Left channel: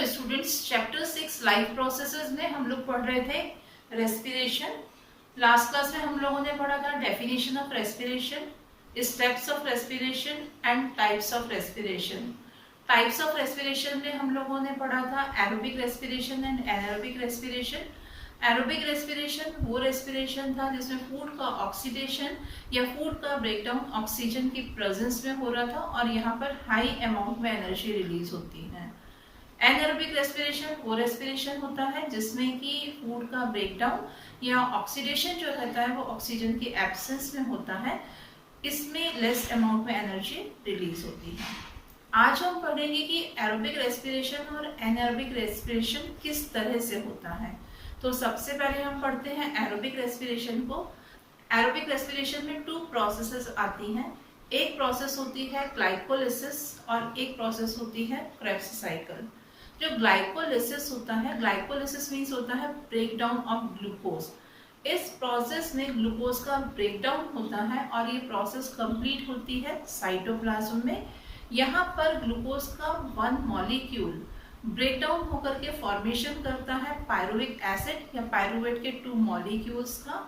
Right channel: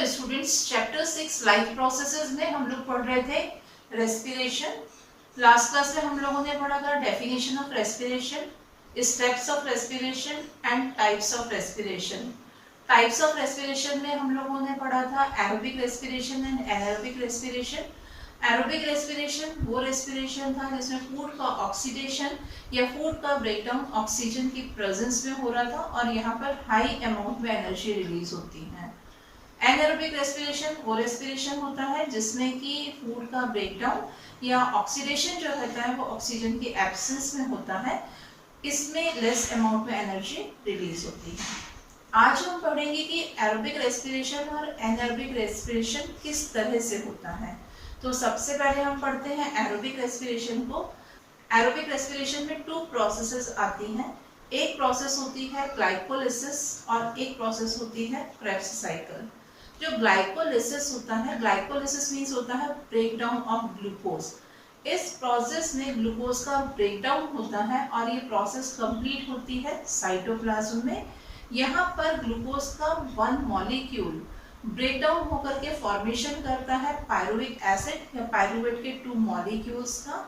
Hello students, chapter 6 life processes में हम लोग पढ़ रहे थे रेस्पिरेशन। लास्ट क्लास में हम लोगों ने पढ़ा था definition of respiration, steps of respiration and types of respiration. Types of respiration में हम लोगों ने पढ़ा था aerobic respiration and anaerobic respiration. Aerobic respiration वो रेस्पिरेशन था जिसमें फूड का ऑक्सीडेशन या फूड का ब्रेकडाउन ऑक्सीजन की प्रेजेंस में हो रहा था और यहाँ पर हाई अमाउंट में एनर्जी रिलीज होती है। एनारोबिक रेस्पिरेशन वो रेस्पिरेशन होता है जिसमें कि फूड का ब्रेकडाउन या ऑक्सीडेशन जो रहता है वो ऑक्सीजन की एब्सेंस में होता है, इसमें लेस अमाउंट में एनर्जी रिलीज होती है। आज हम पढ़ेंगे कि एरोबिक रेस्पिरेशन और एनारोबिक रेस्पिरेशन किस तरह से होता है। तो सबसे पहले हम पढ़ते हैं एरोबिक रेस्पिरेशन को। एरोबिक रेस्पिरेशन में 2 प्रोसेसेस आती हैं। एक प्रोसेस होती है ग्लाइकोलिसिस और एक प्रोसेस होती है क्रेब्स साइकिल। जो ग्लाइकोलिसिस होता है, ग्लाइकोलिसिस मीन्स होता है ब्रेकडाउन ऑफ ग्लूकोज। इस प्रोसेस में ग्लूकोज का ब्रेकडाउन होता है और ये प्रोसेस कंप्लीट होती है साइटोप्लाज्म में। यहाँ पर ग्लूकोज का 1 मॉलिक्यूल ब्रेकडाउन होकर के फॉर्मेशन करता है पायरुविक एसिड या पायरुवेट के 2 मॉलिक्यूल्स का।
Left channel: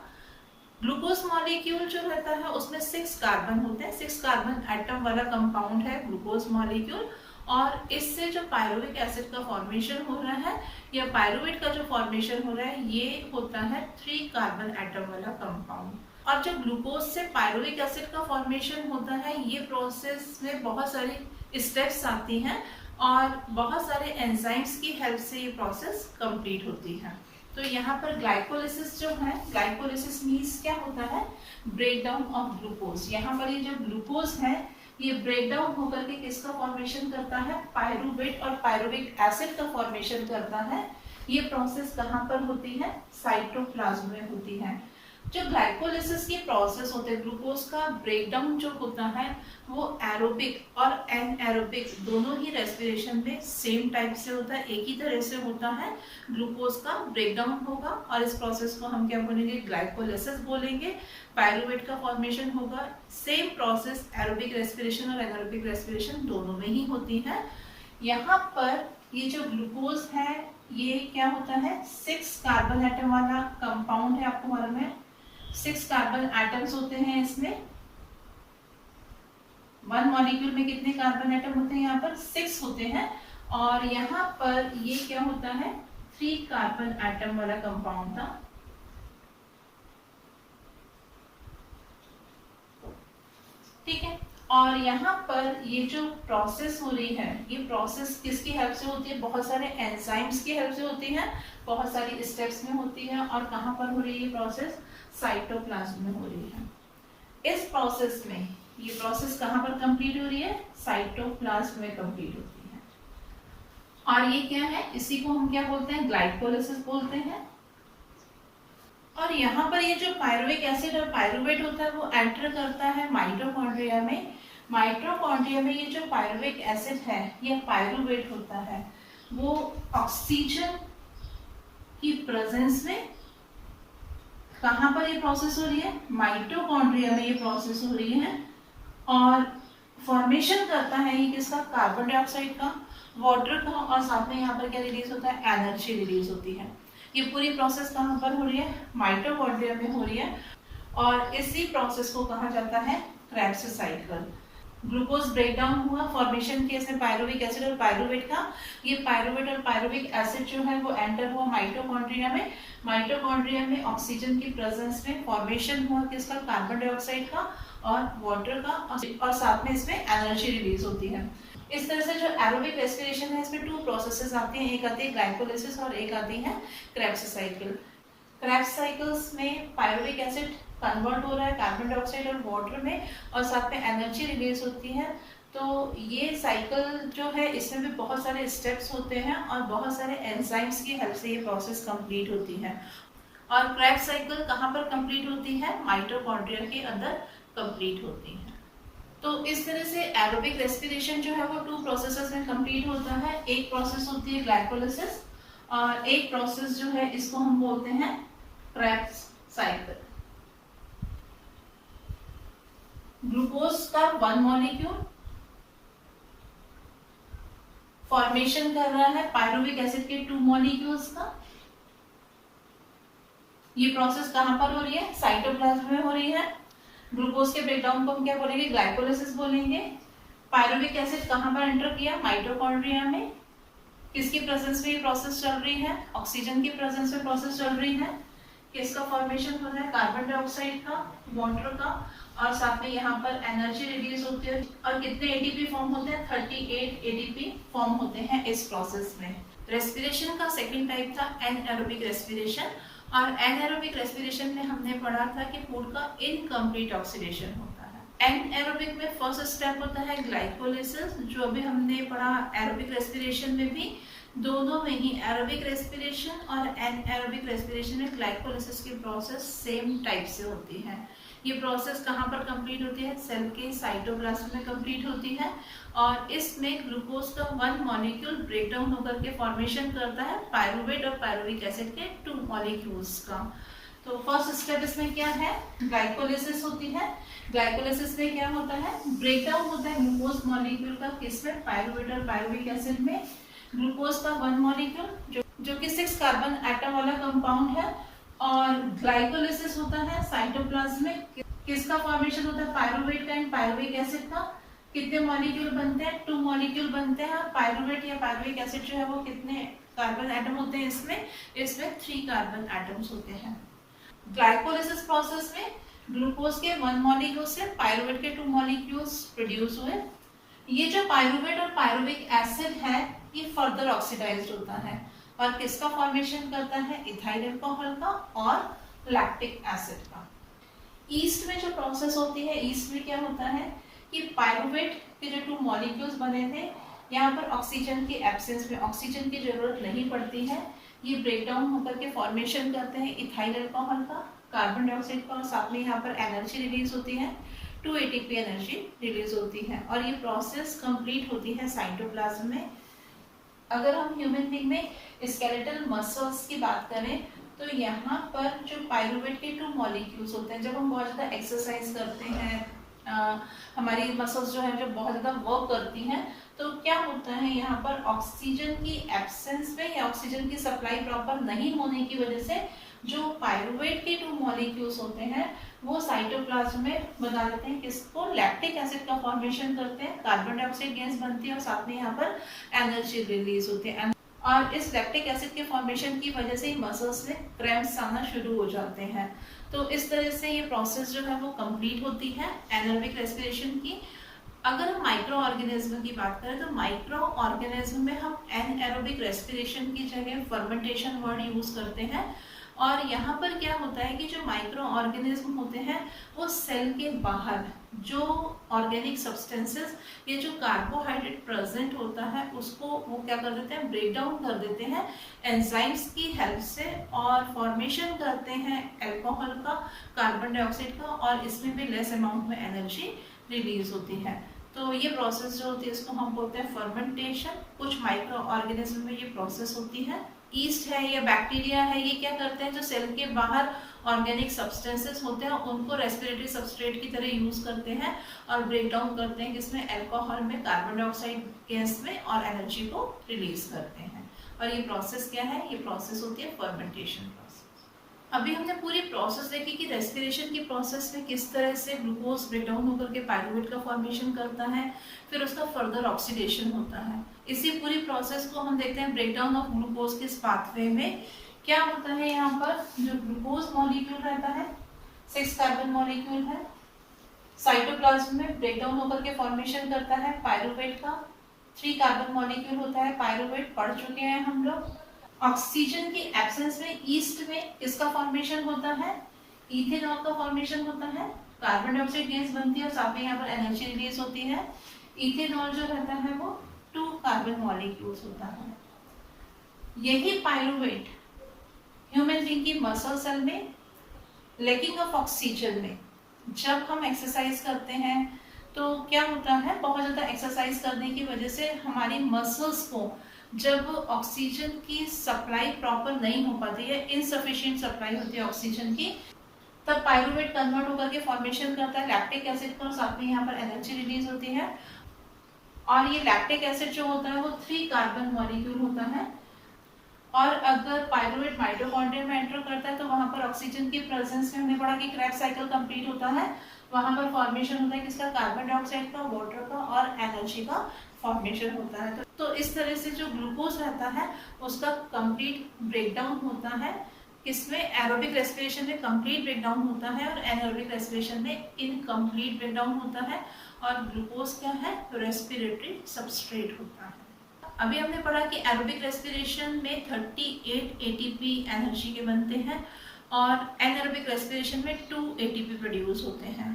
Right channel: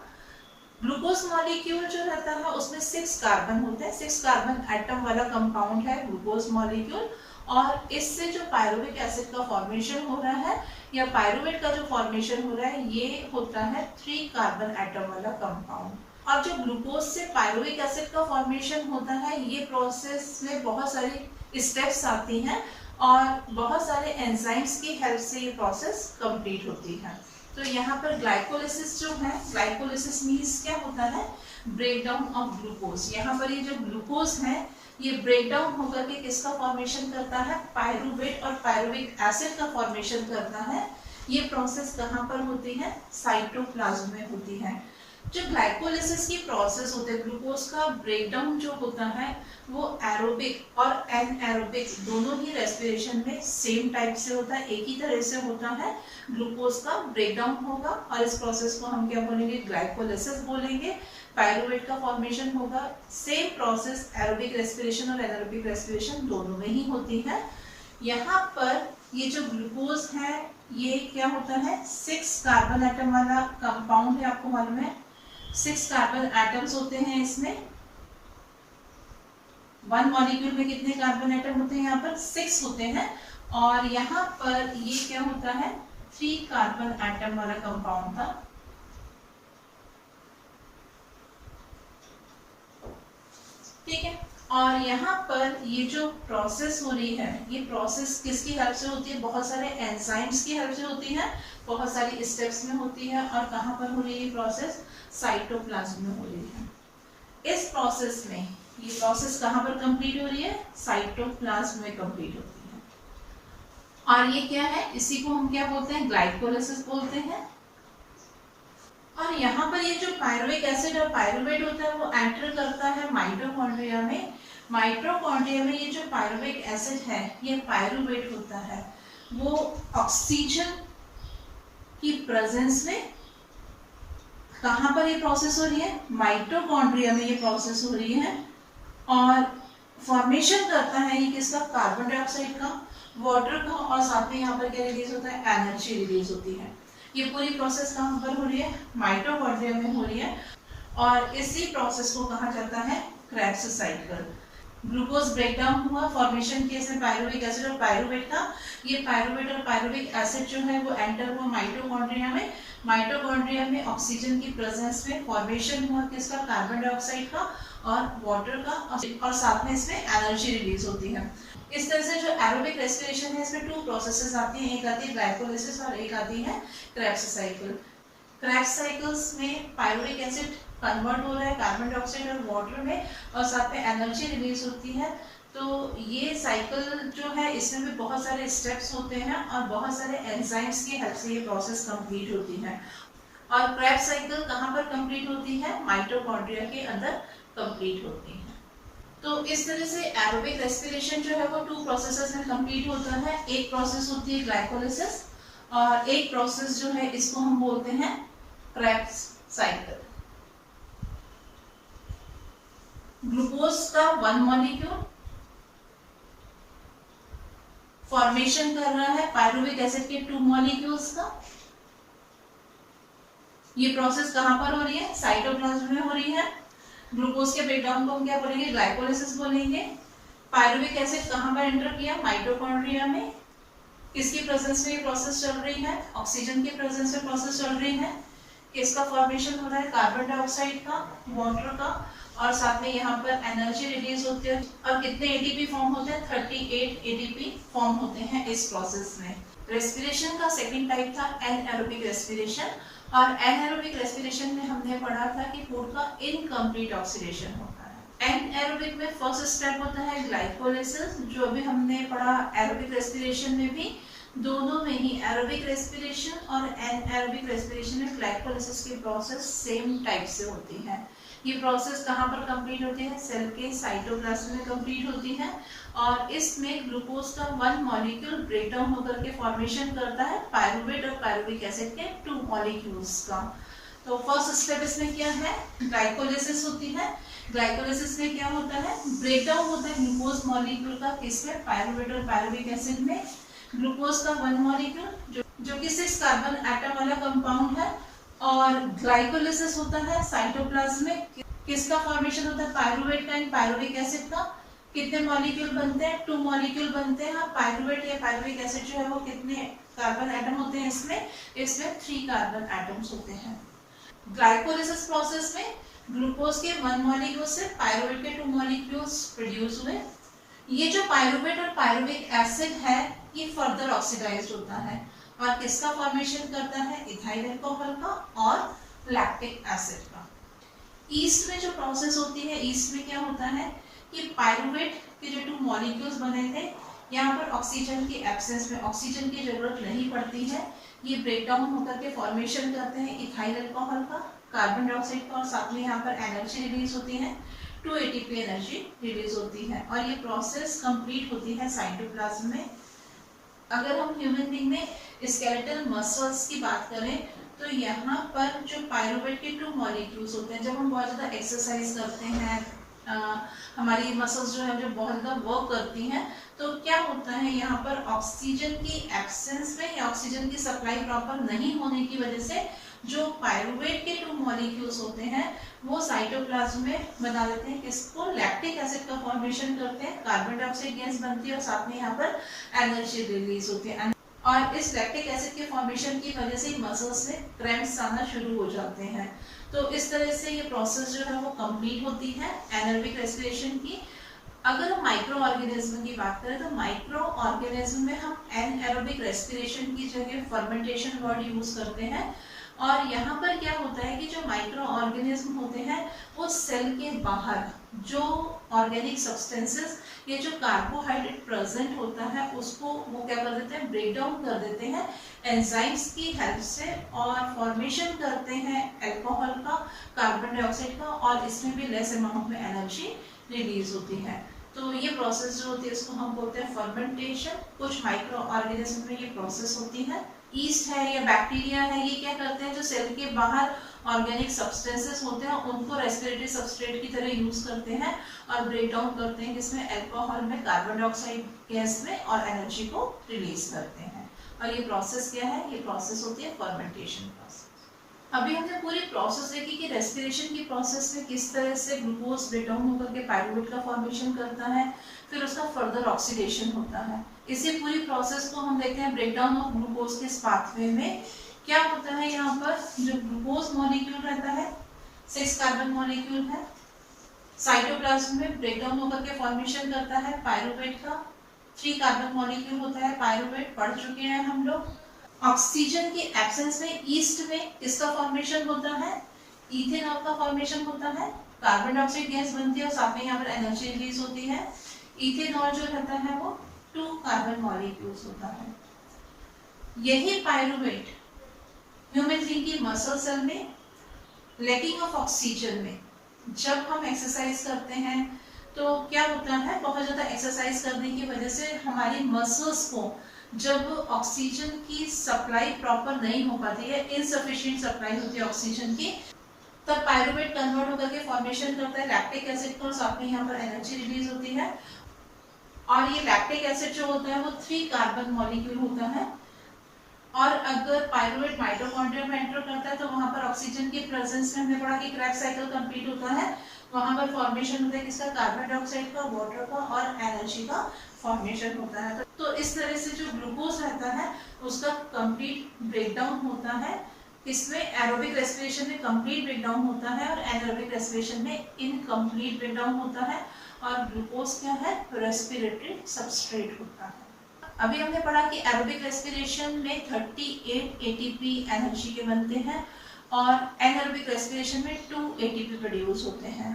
ग्लूकोज मॉलिक्यूल जो रहता है उसमें 6 कार्बन होते हैं, 6 कार्बन एटम वाला कंपाउंड है ग्लूकोज मॉलिक्यूल, और इससे जो पायरुविक एसिड का फॉर्मेशन हो रहा है या पायरुवेट का जो फॉर्मेशन हो रहा है ये होता है 3 कार्बन एटम वाला कंपाउंड। और जो ग्लूकोज से पायरुविक एसिड का फॉर्मेशन होता है ये प्रोसेस में बहुत सारी स्टेप्स आती हैं और बहुत सारे एंजाइम्स की हेल्प से ये प्रोसेस कंप्लीट होती है। तो यहाँ पर ग्लाइकोलिसिस जो है, ग्लाइकोलिसिस मीन्स क्या होता है ब्रेकडाउन ऑफ ग्लूकोज। यहाँ पर ये जो ग्लूकोज है ये ब्रेकडाउन होकर के किसका फॉर्मेशन करता है पायरुवेट और पायरुविक एसिड का फॉर्मेशन करता है। ये प्रोसेस कहाँ पर होती है साइटोप्लाज्म में होती है। जो ग्लाइकोलिसिस की प्रोसेस होते हैं, ग्लूकोज का ब्रेकडाउन जो होता है वो एरोबिक और एनएरोबिक दोनों ही रेस्पिरेशन में सेम टाइप से होता है, एक ही तरह से होता है। ग्लूकोज का ब्रेकडाउन होगा और इस प्रोसेस को हम क्या बोलेंगे ग्लाइकोलिसिस बोलेंगे। पायरुवेट का फॉर्मेशन होगा। सेम प्रोसेस एरोबिक रेस्पिरेशन और एनारोबिक रेस्पिरेशन दोनों में ही होती है। यहाँ पर ये जो ग्लूकोज है ये क्या होता है 6 कार्बन एटम वाला कंपाउंड है। आपको मालूम है 6 कार्बन एटम्स होते हैं इसमें। 1 मॉलिक्यूल में कितने कार्बन एटम होते हैं यहाँ पर 6 होते हैं। और यहाँ पर ये क्या होता है 3 कार्बन एटम वाला कंपाउंड था। ठीक है, और यहाँ पर ये जो प्रोसेस हो रही है ये प्रोसेस किसकी हेल्प से होती है, बहुत सारे एंजाइम्स की हेल्प से होती है, बहुत सारी स्टेप्स में होती है। और कहाँ पर हो रही है ये प्रोसेस साइटोप्लाज्म में हो रही है। इस प्रोसेस में ये प्रोसेस कहाँ पर कंप्लीट हो रही है साइटोप्लाज्म में कंप्लीट होती है। और ये क्या है इसी को हम क्या बोलते हैं ग्लाइकोलिसिस बोलते हैं। और यहाँ पर ये जो पायरुविक एसिड और पायरुवेट होता है वो एंटर करता है माइटोकॉन्ड्रिया में। माइटोकॉन्ड्रिया में ये जो पायरुविक एसिड है ये पायरुवेट होता है, वो ऑक्सीजन की प्रेजेंस में कहाँ पर ये प्रोसेस हो रही है माइटोकॉन्ड्रिया में ये प्रोसेस हो रही है। और फॉर्मेशन करता है ये किसका कार्बन डाइऑक्साइड का, वाटर का, और साथ में यहाँ पर क्या रिलीज होता है एनर्जी रिलीज होती है। ये पूरी प्रोसेस कहाँ पर हो रही है माइटोकॉन्ड्रिया में हो रही है। और इसी प्रोसेस को कहा जाता है क्रेब्स साइकिल। ग्लूकोज ब्रेकडाउन हुआ, फॉर्मेशन किया इसमें पायरुविक एसिड और पायरुवेट का। ये पायरुवेट और पायरुविक एसिड जो है वो एंटर हुआ माइटोकॉन्ड्रिया में। माइटोकॉन्ड्रिया में ऑक्सीजन की प्रेजेंस में फॉर्मेशन हुआ किसका कार्बन डाइऑक्साइड का और वाटर का, और साथ में इसमें एनर्जी रिलीज होती है। इस तरह से जो एरोबिक रेस्पिरेशन है इसमें 2 प्रोसेसेस आती हैं, एक आती है ग्लाइकोलिसिस और एक आती है क्रेब्स साइकिल। क्रेब्स साइकिल्स में पायरुविक एसिड कन्वर्ट हो रहा है कार्बन डाइऑक्साइड और वाटर में, और साथ में एनर्जी रिलीज होती है। तो ये साइकिल जो है इसमें भी बहुत सारे स्टेप्स होते हैं और बहुत सारे एंजाइम्स की हेल्प से ये प्रोसेस कंप्लीट होती है। और क्रेब्स साइकिल कहाँ पर कंप्लीट होती है माइटोकॉन्ड्रिया के अंदर कंप्लीट होती है। तो इस तरह से एरोबिक रेस्पिरेशन जो है वो 2 प्रोसेसेस में कंप्लीट होता है। एक प्रोसेस होती है ग्लाइकोलिसिस और एक प्रोसेस जो है इसको हम बोलते हैं क्रेब्स साइकिल। ग्लूकोज का 1 मॉलिक्यूल फॉर्मेशन कर रहा है पायरुविक एसिड के 2 मॉलिक्यूल्स का। ये प्रोसेस कहाँ पर हो रही है? साइटोप्लाज्म में हो रही है। ग्लूकोज के ब्रेकडाउन को हम क्या बोलेंगे? ग्लाइकोलाइसिस बोलेंगे। पायरुविक एसिड कहाँ पर एंटर किया? माइटोकॉन्ड्रिया में। किसकी प्रेजेंस में ये प्रोसेस चल रही है? ऑक्सीजन की प्रेजेंस में प्रोसेस चल रही है। किसका फॉर्मेशन हो रहा है? कार्बन डाइऑक्साइड का, वाटर का, और साथ में यहाँ पर एनर्जी रिलीज होती है। और कितने एटीपी फॉर्म होते हैं? 38 एटीपी फॉर्म होते हैं इस प्रोसेस में। रेस्पिरेशन का सेकंड टाइप था एनएरोबिक रेस्पिरेशन। और एनएरोबिक रेस्पिरेशन में हमने पढ़ा था कि फूड का इनकम्प्लीट ऑक्सीडेशन होता है। एनएरोबिक में फर्स्ट स्टेप होता है ग्लाइकोलाइसिस, जो अभी हमने पढ़ा एरोबिक रेस्पिरेशन में भी। दोनों में ही एरोबिक रेस्पिरेशन और एनएरोबिक रेस्पिरेशन में ग्लाइकोलाइसिस की प्रोसेस सेम टाइप से होती है। ये प्रोसेस कहाँ पर कंप्लीट होती है? सेल के साइटोप्लाज्म में कंप्लीट होती है। और इसमें ग्लूकोज का 1 मॉलिक्यूल ब्रेकडाउन होकर के फॉर्मेशन करता है पायरुवेट और पायरुविक एसिड के 2 मॉलिक्यूल्स का। तो फर्स्ट स्टेप इसमें क्या है? ग्लाइकोलाइसिस होती है। ग्लाइकोलाइसिस में क्या होता है? ब्रेकडाउन होता है ग्लूकोज मॉलिक्यूल का, किसमें? पायरुवेट और पायरुविक एसिड में। ग्लूकोज का 1 मॉलिक्यूल जो कि 6 कार्बन एटम वाला कंपाउंड है। और ग्लाइकोलाइसिस होता है साइटोप्लाज्म में। किसका फॉर्मेशन होता है? पायरुवेट का एंड पायरुविक एसिड का। कितने मॉलिक्यूल बनते हैं? 2 मॉलिक्यूल बनते हैं। पायरुवेट या पायरुविक एसिड जो है वो कितने कार्बन एटम होते हैं इसमें 3 कार्बन एटम्स होते हैं। ग्लाइकोलाइसिस प्रोसेस में ग्लूकोज के 1 मॉलिक्यूल से पायरुवेट के 2 मॉलिक्यूल्स प्रोड्यूस हुए। ये जो पायरुवेट और पायरुविक एसिड है ये फर्दर ऑक्सीडाइज्ड होता है और किसका फॉर्मेशन करता है? इथाइल अल्कोहल का और लैक्टिक एसिड का। ईस्ट में जो प्रोसेस होती है, ईस्ट में क्या होता है कि पायरुवेट के जो 2 मॉलिक्यूल्स बने थे, यहाँ पर ऑक्सीजन की एब्सेंस में ऑक्सीजन की जरूरत नहीं पड़ती है। ये ब्रेकडाउन होकर के फॉर्मेशन करते हैं इथाइल अल्कोहल का, कार्बन डाइऑक्साइड का, और साथ में यहाँ पर एनर्जी रिलीज होती है, 2 एटीपी एनर्जी रिलीज होती है। और ये प्रोसेस कंप्लीट होती है साइटोप्लाज्म में। अगर हम ह्यूमन बीइंग में स्केलेटल मसल्स की बात करें तो यहाँ पर जो पायरुवेट के 2 मॉलिक्यूल्स होते हैं, जब हम बहुत ज़्यादा एक्सरसाइज करते हैं, हमारी मसल्स जो है जो बहुत ज़्यादा वर्क करती हैं, तो क्या होता है यहाँ पर ऑक्सीजन की एब्सेंस में या ऑक्सीजन की सप्लाई प्रॉपर नहीं होने की वजह से जो पायरुवेट के 2 मॉलिक्यूल्स होते हैं वो साइटोप्लाज्म में बना देते हैं किसको? लैक्टिक एसिड का फॉर्मेशन करते हैं, कार्बन डाइऑक्साइड गैस बनती है और साथ में यहाँ पर एनर्जी रिलीज होती है। और इस लैक्टिक एसिड के फॉर्मेशन की वजह से मसल्स में क्रैम्प्स आना शुरू हो जाते हैं। तो इस तरह से ये प्रोसेस जो है वो कंप्लीट होती है एनारोबिक रेस्पिरेशन की। अगर हम माइक्रो ऑर्गेनिज्म की बात करें तो माइक्रो ऑर्गेनिज्म में हम एनएरोबिक रेस्पिरेशन की जगह फर्मेंटेशन वर्ड यूज करते हैं। और यहाँ पर क्या होता है कि जो माइक्रो ऑर्गेनिज्म होते हैं वो सेल के बाहर जो ऑर्गेनिक सब्सटेंसेस, ये जो कार्बोहाइड्रेट प्रेजेंट होता है उसको वो क्या कर देते हैं? ब्रेक डाउन कर देते हैं एंजाइम्स की हेल्प से और फॉर्मेशन करते हैं अल्कोहल का, कार्बन डाइऑक्साइड का, और इसमें भी लेस अमाउंट में एनर्जी रिलीज होती है। तो ये प्रोसेस जो होती है इसको हम बोलते हैं फर्मेंटेशन। कुछ माइक्रो ऑर्गेनिज्म में ये प्रोसेस होती है। ईस्ट है या बैक्टीरिया है, ये क्या करते हैं? जो सेल के बाहर ऑर्गेनिक सब्सटेंसेस होते हैं उनको रेस्पिरेटरी सबस्ट्रेट की तरह यूज करते हैं और ब्रेक डाउन करते हैं जिसमें अल्कोहल में, कार्बन डाइऑक्साइड गैस में, और एनर्जी को रिलीज करते हैं। और ये प्रोसेस क्या है? ये प्रोसेस होती है फर्मेंटेशन प्रोसेस। अभी हमने पूरी प्रोसेस देखी कि रेस्पिरेशन की प्रोसेस में किस तरह से ग्लूकोज ब्रेकडाउन होकर के पायरुवेट का फॉर्मेशन करता है, फिर उसका फर्दर ऑक्सीडेशन होता है। इसी पूरी प्रोसेस को हम देखते हैं ब्रेकडाउन ऑफ ग्लूकोज के पाथवे में। क्या होता है यहाँ पर? जो ग्लूकोज मॉलिक्यूल रहता है 6 कार्बन मॉलिक्यूल है, साइटोप्लाज्म में ब्रेकडाउन होकर के फॉर्मेशन करता है पायरुवेट का। 3 कार्बन मॉलिक्यूल होता है पायरुवेट, पढ़ चुके हैं हम लोग। ऑक्सीजन की एब्सेंस में ईस्ट में किसका फॉर्मेशन होता है? इथेनॉल का फॉर्मेशन होता है, कार्बन डाइऑक्साइड गैस बनती है और साथ में यहाँ पर एनर्जी रिलीज होती है। इथेनॉल जो रहता है वो 2 कार्बन मॉलिक्यूल्स होता है। यही पायरुवेट ह्यूमन बीइंग की मसल सेल में लैकिंग ऑफ ऑक्सीजन में जब हम एक्सरसाइज करते हैं तो क्या होता है? बहुत ज़्यादा एक्सरसाइज करने की वजह से हमारी मसल्स को जब ऑक्सीजन की सप्लाई प्रॉपर नहीं हो पाती है, इनसफिशिएंट सप्लाई होती है ऑक्सीजन की, तब पायरुवेट कन्वर्ट होकर के फॉर्मेशन करता है लैक्टिक एसिड का और साथ में यहाँ पर एनर्जी रिलीज होती है। और ये लैक्टिक एसिड जो होता है वो 3 कार्बन मॉलिक्यूल होता है। और अगर पाइरुवेट माइटोकॉन्ड्रिया में एंटर करता है तो वहां पर ऑक्सीजन की प्रेजेंस में हमने पढ़ा कि क्रेब्स साइकिल कंप्लीट होता है, वहां पर फॉर्मेशन होता है किसका, कार्बन डाइऑक्साइड का, वाटर का और एनर्जी का फॉर्मेशन होता है। तो इस तरह से जो ग्लूकोज रहता है उसका कंप्लीट ब्रेकडाउन होता है, किसमें, एरोबिक रेस्पिरेशन में कंप्लीट ब्रेकडाउन होता है और एनारोबिक रेस्पिरेशन में इनकम्प्लीट ब्रेकडाउन होता है। और ग्लूकोज क्या है, रेस्पिरेटरी सबस्ट्रेट होता है। अभी हमने पढ़ा कि एरोबिक रेस्पिरेशन में 38 एटीपी एनर्जी के बनते हैं और एनारोबिक रेस्पिरेशन में 2 एटीपी प्रोड्यूस होते हैं।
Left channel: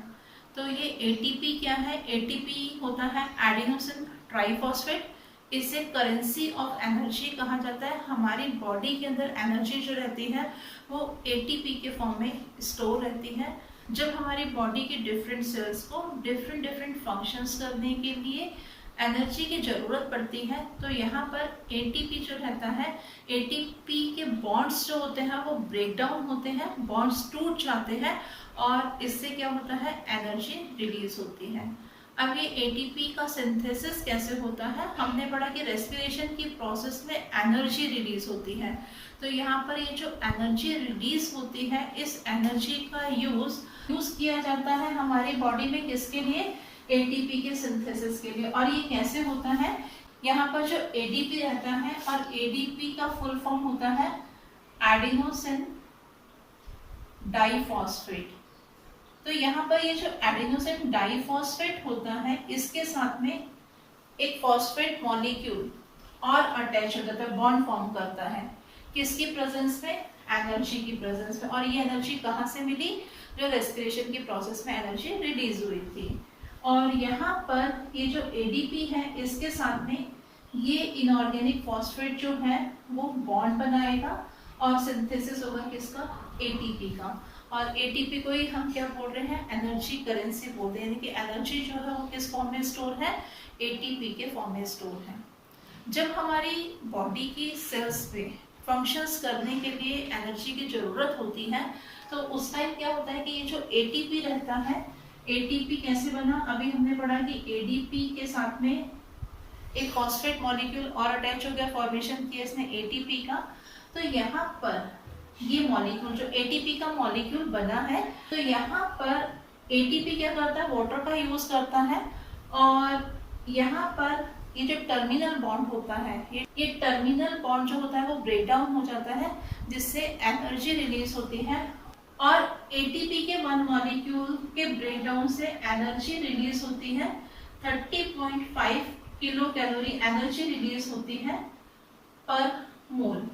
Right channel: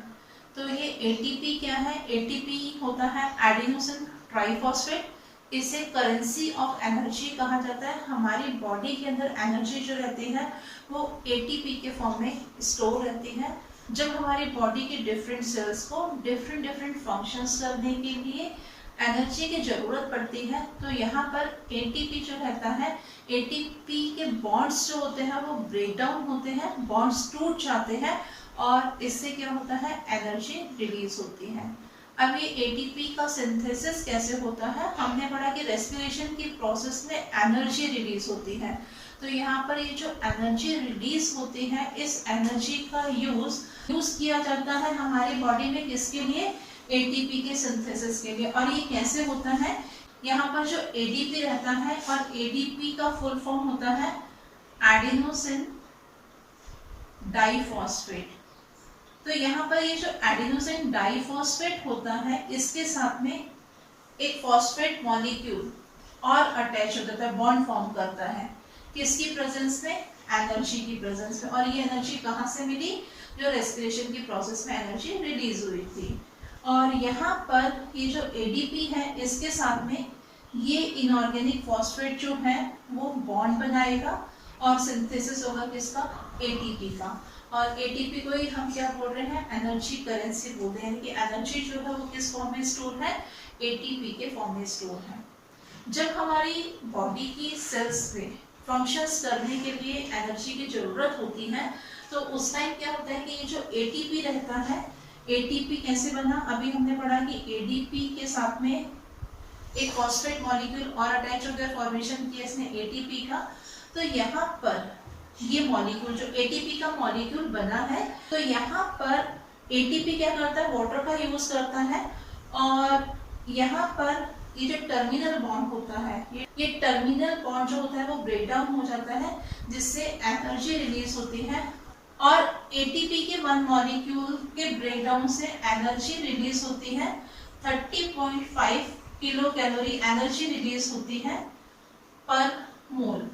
तो ये एटीपी क्या है, एटीपी होता है एडिनोसिन ट्राइफॉस्फेट। इसे करेंसी ऑफ एनर्जी कहा जाता है। हमारी बॉडी के अंदर एनर्जी जो रहती है वो एटीपी के फॉर्म में स्टोर रहती है। जब हमारी बॉडी के डिफरेंट सेल्स को डिफरेंट फंक्शंस करने के लिए एनर्जी की ज़रूरत पड़ती है तो यहाँ पर एटीपी जो रहता है, एटीपी के बॉन्ड्स जो होते हैं वो ब्रेक डाउन होते हैं, बॉन्ड्स टूट जाते हैं और इससे क्या होता है, एनर्जी रिलीज होती है। अब ये एटीपी का सिंथेसिस कैसे होता है, हमने पढ़ा कि रेस्पिरेशन की प्रोसेस में एनर्जी रिलीज होती है। तो यहाँ पर ये जो एनर्जी रिलीज होती है, इस एनर्जी का यूज किया जाता है हमारी बॉडी में, किसके लिए, एटीपी के सिंथेसिस के लिए। और ये कैसे होता है, यहाँ पर जो एडीपी रहता है और एडीपी का फुल फॉर्म होता है एडिनोसिन डाइफॉस्फेट। तो यहाँ पर ये जो एडिनोसिन डाइफॉस्फेट होता है इसके साथ में एक फॉस्फेट मॉलिक्यूल और अटैच हो जाता है, बॉन्ड फॉर्म करता है, किसकी प्रेजेंस में, एनर्जी की प्रेजेंस में। और ये एनर्जी कहाँ से मिली, जो रेस्पिरेशन की प्रोसेस में एनर्जी रिलीज हुई थी। और यहाँ पर ये जो एडीपी है इसके साथ में ये इनऑर्गेनिक फॉस्फेट जो है वो बॉन्ड बनाएगा और सिंथेसिस होगा किसका, एटीपी का। और एटीपी को ही हम क्या बोल रहे हैं, एनर्जी करेंसी बोलते हैं कि एनर्जी जो है वो किस फॉर्म में स्टोर है, एटीपी के फॉर्म में स्टोर है। जब हमारी बॉडी की सेल्स पे फंक्शंस करने के लिए एनर्जी की जरूरत होती है तो उस टाइम क्या होता है कि ये जो एटीपी रहता है, एटीपी कैसे बना, अभी हमने पढ़ा कि एडीपी के साथ में एक फॉस्फेट मॉलिक्यूल और अटैच हो गया, फॉर्मेशन किया इसने एटीपी का। तो यहाँ पर ये मॉलिक्यूल जो एटीपी का मॉलिक्यूल बना है, तो यहाँ पर एटीपी क्या करता है, वाटर का यूज करता है और यहाँ पर ये जो टर्मिनल बॉन्ड होता है, ये टर्मिनल बॉन्ड जो होता है वो ब्रेक डाउन हो जाता है जिससे एनर्जी रिलीज होती है। और एटीपी के 1 मॉलिक्यूल के ब्रेकडाउन से एनर्जी रिलीज होती है 30.5 किलो कैलोरी एनर्जी रिलीज होती है पर मोल।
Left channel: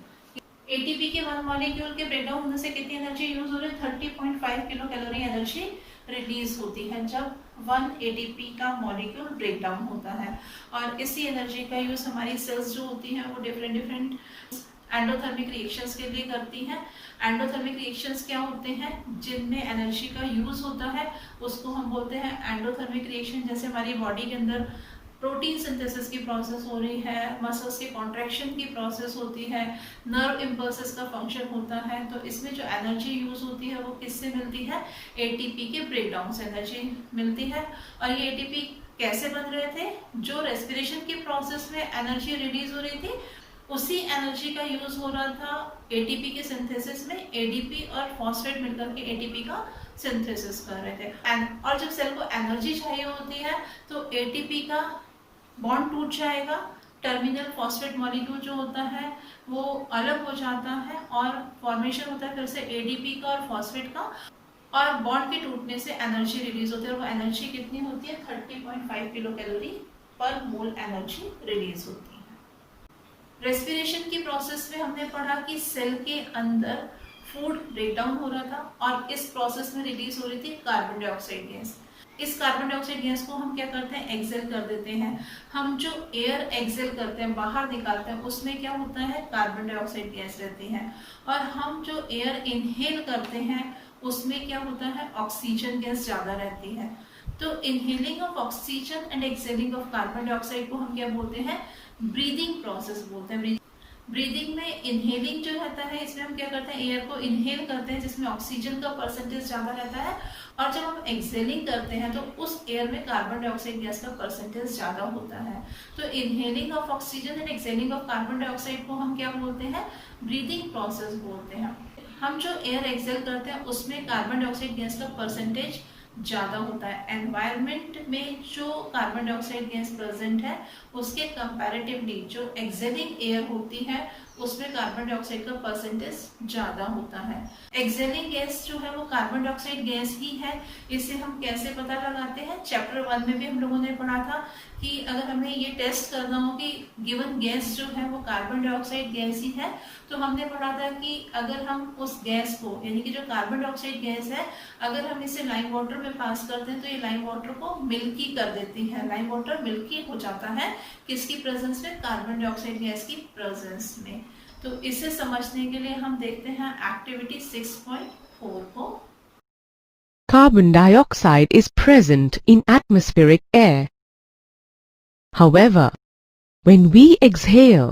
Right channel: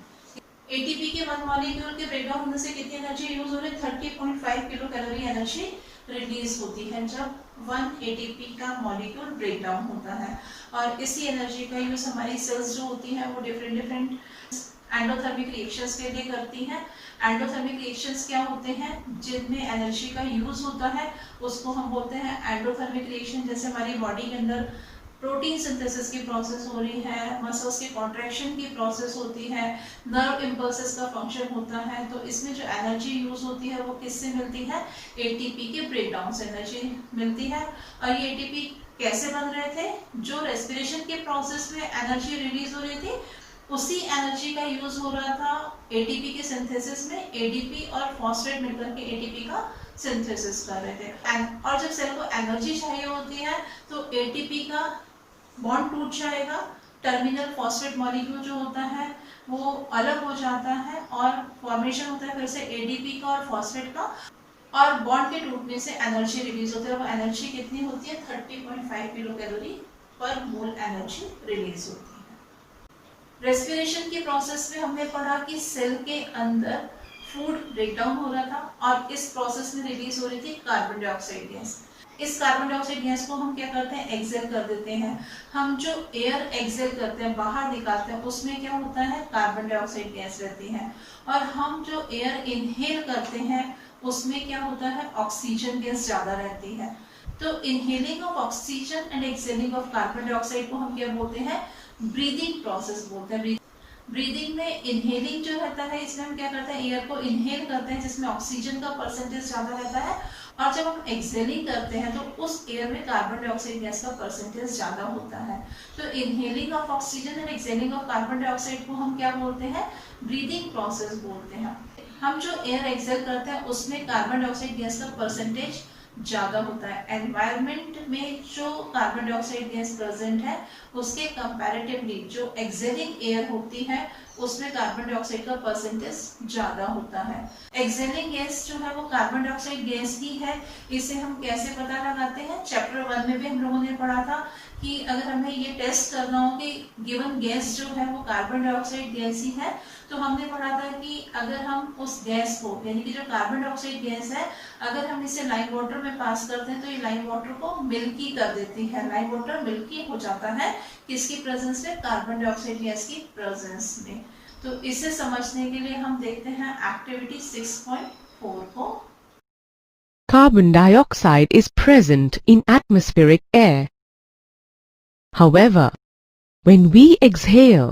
एटीपी के 1 मॉलिक्यूल के ब्रेकडाउन होने से कितनी एनर्जी यूज हो रही है, 30.5 किलो कैलोरी एनर्जी रिलीज होती है जब 1 एटीपी का मॉलिक्यूल ब्रेकडाउन होता है। और इसी एनर्जी का यूज हमारी सेल्स जो होती हैं वो डिफरेंट एंडोथर्मिक रिएक्शंस के लिए करती हैं। एंडोथर्मिक रिएक्शंस क्या होते हैं, जिनमें एनर्जी का यूज होता है उसको हम बोलते हैं एंडोथर्मिक रिएक्शन। जैसे हमारी बॉडी के अंदर प्रोटीन सिंथेसिस की प्रोसेस हो रही है, मसल्स के कॉन्ट्रैक्शन की प्रोसेस होती है, नर्व इम्पल्सेस का फंक्शन होता है, तो इसमें जो एनर्जी यूज होती है वो किससे मिलती है, एटीपी के ब्रेकडाउन से एनर्जी मिलती है। और ये एटीपी कैसे बन रहे थे, जो रेस्पिरेशन के प्रोसेस में एनर्जी रिलीज हो रही थी उसी एनर्जी का यूज हो रहा था एटीपी के सिंथेसिस में। एडीपी और फॉस्फेट मिलकर के एटीपी का सिंथेसिस कर रहे थे। और जब सेल को एनर्जी चाहिए होती है तो एटीपी का बॉन्ड टूट जाएगा, टर्मिनल फॉस्फेट मॉलिक्यूल जो होता है वो अलग हो जाता है और फॉर्मेशन होता है फिर से एडीपी का और फॉस्फेट का, और बॉन्ड के टूटने से एनर्जी रिलीज होती है। और वो एनर्जी कितनी होती है, 30.5 किलो कैलोरी पर मोल एनर्जी रिलीज होती है। रेस्पिरेशन की प्रोसेस में हमने पढ़ा कि सेल के अंदर फूड ब्रेकडाउन हो रहा था और इस प्रोसेस में रिलीज हो रही थी कार्बन डाइऑक्साइड गैस। इस कार्बन डाइऑक्साइड गैस को हम क्या करते हैं, एक्सेल कर देते हैं। हम जो एयर एक्सेल करते हैं, बाहर निकालते हैं, उसमें क्या होता है, कार्बन डाइऑक्साइड गैस रहती है। और हम जो एयर इनहेल करते हैं उसमें क्या होता है, ऑक्सीजन गैस ज़्यादा रहती है। तो inhaling of oxygen and excelling of carbon dioxide को हम क्या बोलते हैं, ब्रीदिंग प्रोसेस बोलते हैं। ब्रीदिंग में इनहेलिंग जो रहता है, इसमें हम क्या करते हैं, एयर को इनहेल करते हैं जिसमें ऑक्सीजन का परसेंटेज ज़्यादा रहता है, और जब हम एक्सेलिंग करते हैं तो उस एयर में कार्बन डाइऑक्साइड गैस का परसेंटेज ज़्यादा होता है। तो inhaling of oxygen and excelling of carbon dioxide को हम क्या बोलते हैं, ब्रीदिंग प्रोसेस बोलते हैं। हम जो एयर एक्सेल करते हैं उसमें कार्बन डाइऑक्साइड गैस का परसेंटेज ज़्यादा होता है। एनवायरनमेंट में जो कार्बन डाइऑक्साइड गैस प्रेजेंट है उसके कंपैरेटिवली जो एक्सेलिंग एयर होती है उसमें कार्बन डाइऑक्साइड का परसेंटेज ज़्यादा होता है। एक्सेलिंग गैस जो है वो कार्बन डाइऑक्साइड गैस ही है। इसे हम कैसे पता लगाते हैं, चैप्टर 1 में भी हम लोगों ने पढ़ा था कि अगर हमें ये टेस्ट करना हो कि गिवन गैस जो है वो कार्बन डाइऑक्साइड गैस ही है, तो हमने पढ़ा था कि अगर हम उस गैस को, यानी कि जो कार्बन डाइऑक्साइड गैस है, अगर हम इसे लाइम वाटर में पास करते हैं तो ये लाइम वाटर को मिल्की कर देती है। लाइम वाटर मिल्की हो जाता है किसकी प्रेजेंस में, कार्बन डाइऑक्साइड गैस की प्रेजेंस में। तो इसे समझने के लिए हम देखते हैं एक्टिविटी 6.4 को। Carbon dioxide is present in atmospheric air. However, when we exhale,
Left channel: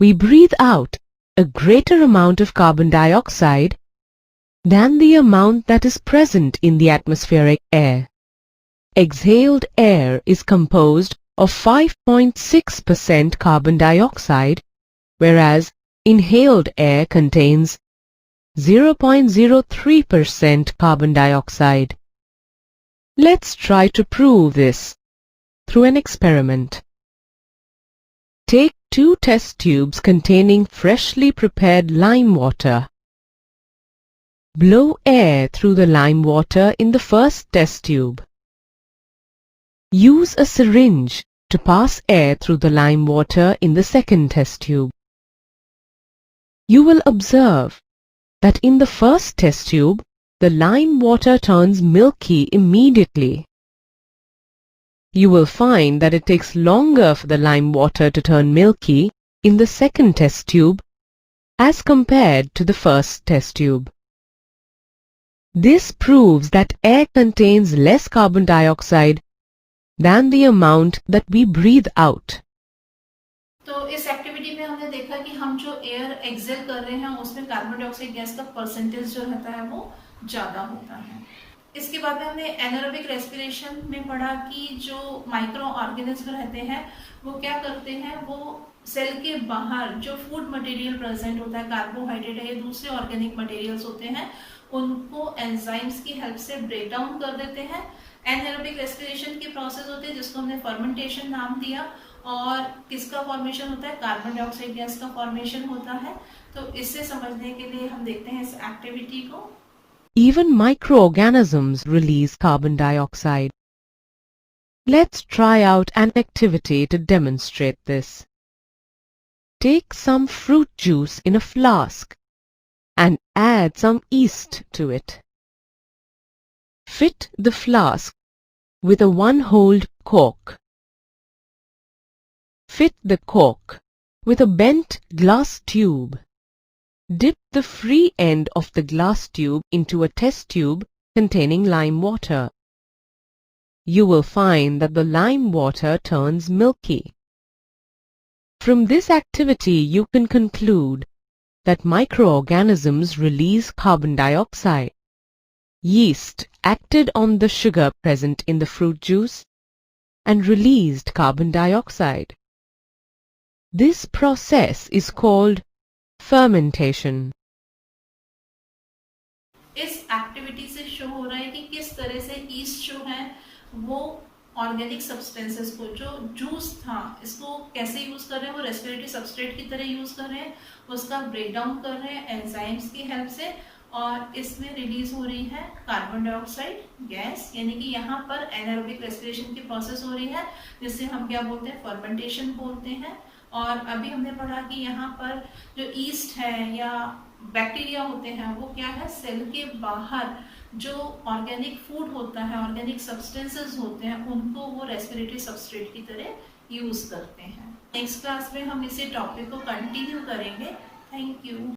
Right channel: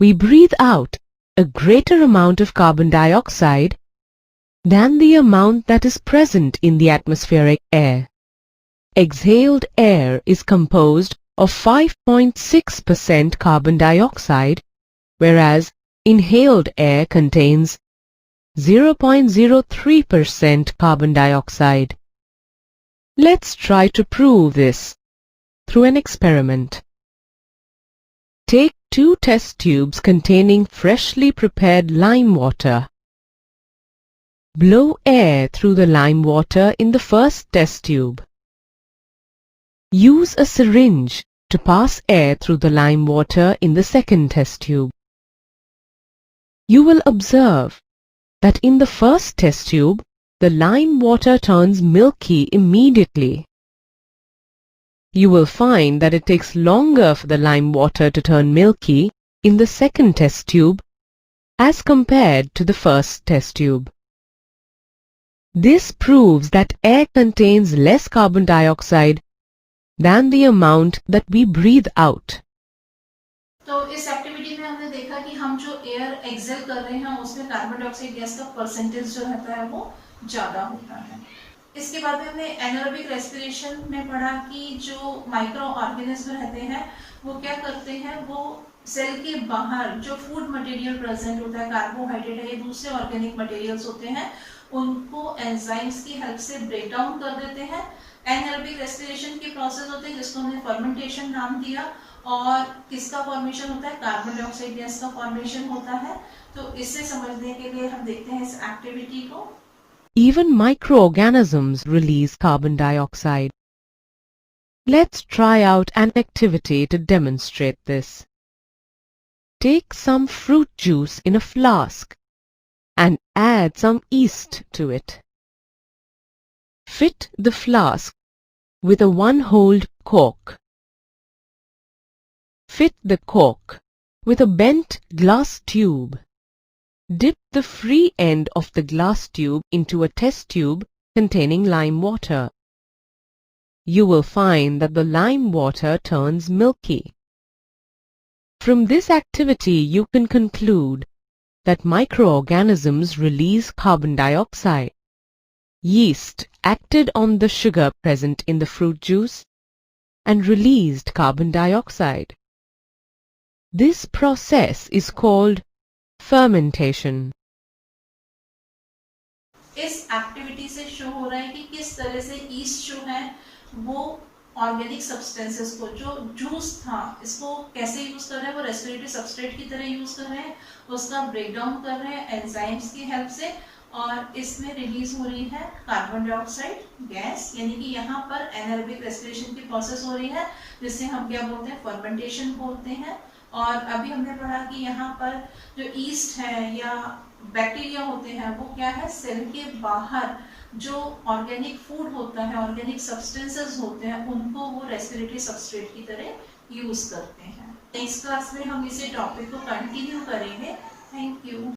we breathe out a greater amount of carbon dioxide than the amount that is present in the atmospheric air. Exhaled air is composed of 5.6% carbon dioxide, whereas inhaled air contains 0.03% carbon dioxide. Let's try to prove this through an experiment. Take 2 test tubes containing freshly prepared lime water. Blow air through the lime water in the first test tube. Use a syringe to pass air through the lime water in the second test tube. You will observe that in the first test tube, the lime water turns milky immediately. You will find that it takes longer for the lime water to turn milky in the second test tube as compared to the first test tube. This proves that air contains less carbon dioxide than the amount that we breathe out. तो इस activity में हमने देखा कि हम जो air Excel कर रहे हैं उसमें कार्बन डाइऑक्साइड गैस का परसेंटेज जो रहता है वो ज़्यादा होता है। इसके बाद में हमने एनारोबिक रेस्पिरेशन में पढ़ा कि जो माइक्रो ऑर्गेनिज्म रहते हैं वो क्या करते हैं, वो सेल के बाहर जो फूड मटेरियल प्रेजेंट होता है, कार्बोहाइड्रेट है, दूसरे ऑर्गेनिक मटेरियल्स होते हैं, उनको एंजाइम्स की हेल्प से ब्रेक डाउन कर देते हैं। एनारोबिक रेस्पिरेशन की प्रोसेस होती है जिसको हमने फर्मेंटेशन नाम दिया, और किसका फॉर्मेशन होता है, कार्बन डाइऑक्साइड गैस का फॉर्मेशन होता है। तो इससे समझने के लिए हम देखते हैं इस एक्टिविटी को। Even microorganisms release carbon dioxide. Let's try out an activity to demonstrate this. Take some fruit juice in a flask and add some yeast to it. Fit the flask with a 1-holed cork. Fit the cork with a bent glass tube. Dip the free end of the glass tube into a test tube containing lime water. You will find that the lime water turns milky. From this activity you can conclude that microorganisms release carbon dioxide. Yeast acted on the sugar present in the fruit juice and released carbon dioxide. This process is called fermentation. इस activity से show हो रहा है कि किस तरह से east जो है वो ऑर्गेनिक सब्सटेंसेस को, जो जूस था, इसको कैसे यूज कर रहे हैं, वो रेस्पिरेटरी सबस्ट्रेट की तरह यूज कर रहे हैं, उसका ब्रेक डाउन कर रहे हैं एंजाइम्स की हेल्प से, और इसमें रिलीज हो रही है कार्बन डाइऑक्साइड गैस, यानी कि यहाँ पर एनारोबिक रेस्पिरेशन की प्रोसेस हो रही है जिससे हम क्या बोलते हैं, फर्मेंटेशन बोलते हैं। और अभी हमने पढ़ा कि यहाँ पर जो ईस्ट है या बैक्टीरिया होते हैं वो क्या है, सेल के बाहर जो ऑर्गेनिक फूड होता है, ऑर्गेनिक सब्सटेंसेस होते हैं, उनको वो रेस्पिरेटरी सबस्ट्रेट की तरह यूज करते हैं। नेक्स्ट क्लास में हम इसी टॉपिक को कंटिन्यू करेंगे। Thank you.